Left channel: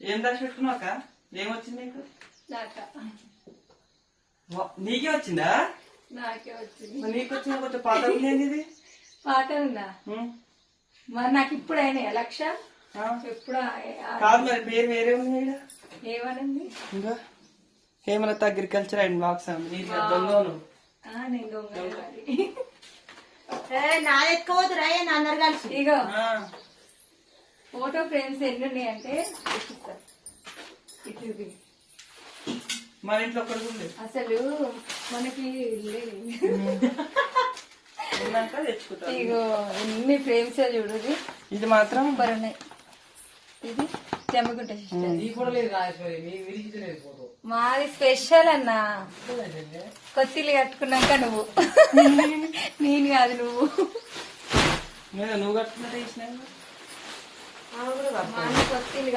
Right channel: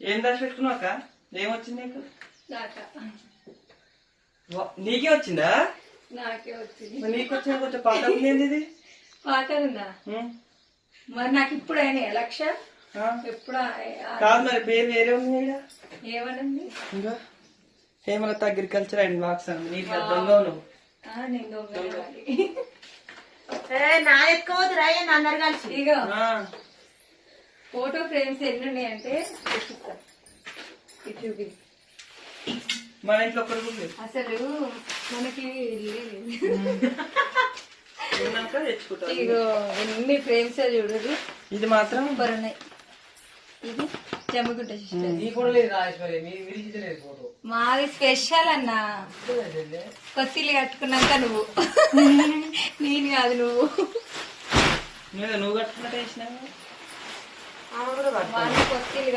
ఏం రాసి పెట్టుకున్నావు అక్క? ఏమొచ్చింది నీకు? నాక? వచ్చిందా? నాకే వచ్చింది. నీకు వచ్చిన కొంచెం పాత ఉంది ఏంది ఇది? పాత ఉందా? మరి నాకు ఇప్పుడు అయినాయి? లక్ష? ఆ? ఎప్పుడు? కాదు మరి పేరు వేరే ఉంది. ఏమనండి ఇంకా హేమలత అగ్రికల్చర్ అండ్ బాక్స్ అండి నీకు దొంగను. నా ఎక్కువ అందరు కలిసి. ఇగో. ఆ, ఫోటో ఫ్రేమ్స్ ఎన్ని ఉన్నాయి అంటే చూపిస్తా. ఇటు చూపి. మన ఇంట్లో ఒక్కడికి ఉంది. అసలు మనకి ఇగో ఎన్ని ఫ్రేమ్స్ చూడు ఇది మాత్రం ఉన్నాయి. ఇది మాది స్పెషల్ అన్న. కొత్తిల్లు కట్టుకున్నాక నువ్వు. నేను కాదు నువ్వు. నువ్వు కట్టుకున్నట్టు వేసినా